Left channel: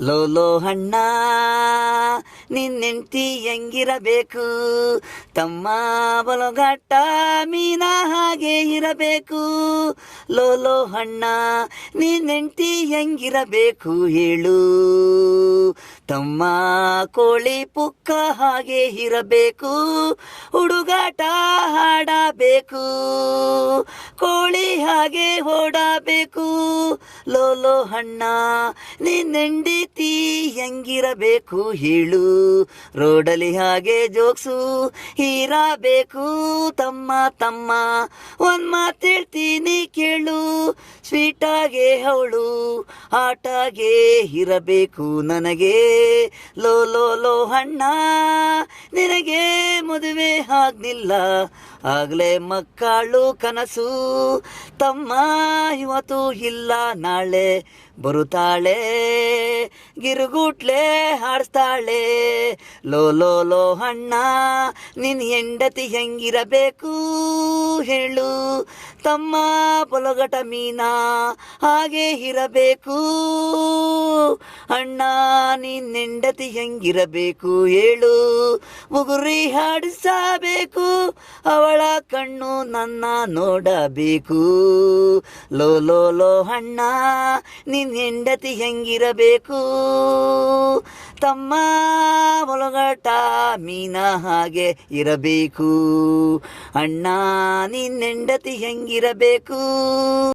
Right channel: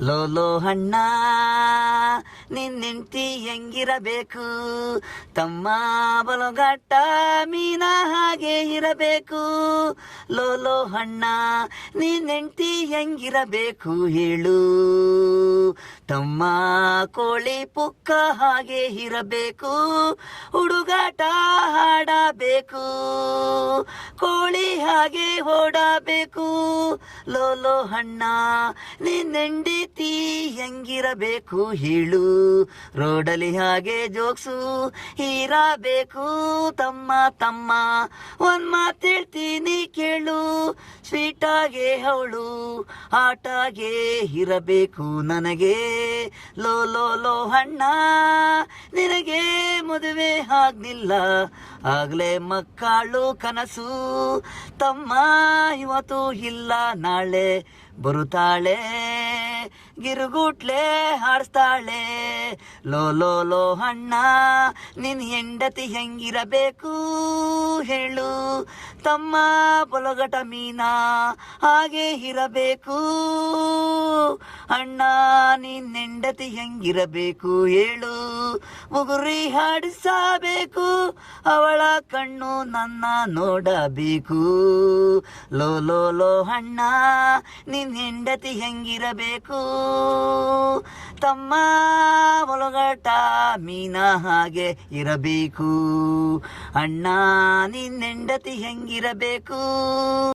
ಲೋಲೋ ಅಣ್ಣ ನಿನ್ನೆಂಟಿ ಹೆಂಗಿರಬೇಕು, ತಮ್ಮ ಬಲಗಟ್ಟ ಮೀನ ಹಾಗೆ ಇರಬೇಕು. ಲೋಲೋ ಅಣ್ಣ ನಿನ್ನೆಂಟಿ ಹೆಂಗಿರಬೇಕು ಹೇಳು, ತಮ್ಮ ಕೋಳಿ ಪುಕ್ಕ ಹಾಗೆ ಇರಬೇಕು. ಹುಡುಗಾಟ ಹಾಡಬೇಕು, ಕೋಳಿ ಹಾಗೆ ಓಡಬೇಕು. ಲೋಲೋ ಅಣ್ಣ ನಿನ್ನೆಂಡಿತಿ ಹೆಂಗಿರಬೇಕು ಹೇಳು, ರೋಡಲಿ ಹಾಗೆ ಜೋಕ್ಸು ಇರಬೇಕು. ತಮ್ಮ ತಮ್ಮ ಒಂದ್ ಮಾತು ಹೇಳ್ತೀನಿ ಕೇಳು, ಸ್ವೀಟಾಗೆ ಅವಳು ಆಟಾಗೆ ಇರಬೇಕು ನನಗೆ. ಲೋ ಅಣ್ಣ ನಿನಗೆ ಮದುವೆ ಆಗ್ಲಿಲ್ಲ, ಆಗ್ಲೇ ಮಕ್ಕಳು ಕನಸು. ತಮ್ಮ ಇವತ್ತು ಇಲ್ಲ ನಾಳೆ ಬರುತ್ತಾಳೆ, ಗಿರುಗುಟ್ಲೆ ಹಾಡಿಸ್ತಾಳೆ. ಲೋ ಅಣ್ಣ ನಿನ್ ಹೆಂಡತಿ ಹೆಂಗಿರಬೇಕು ಹೇಳು, ತಮ್ಮ ಪೊಲಗಟ ಮೀನ ಹಾಗೆ ಇರಬೇಕು. ಅಣ್ಣ ನಿನ್ ಹೆಂಡತಿ ಹೆಂಗಿರಬೇಕು ಹೇಳು, ಉಗುರಿ ಹಾಡಿಸಬೇಕು, ಅವಳ ಕಣ್ಣು ನನ್ನ ನೋಡಬೇಕು. ಲೋ ಅಣ್ಣ ನಿನ್ ಹೆಂಡತಿ ಹೆಂಗಿರಬೇಕು, ತಮ್ಮ ಒಳಗಟ ಮೀನ ಹಾಗೆ ಇರಬೇಕು. ಅಣ್ಣ ನಿನ್ ಹೆಂಡತಿ ಹೆಂಗಿರಬೇಕು.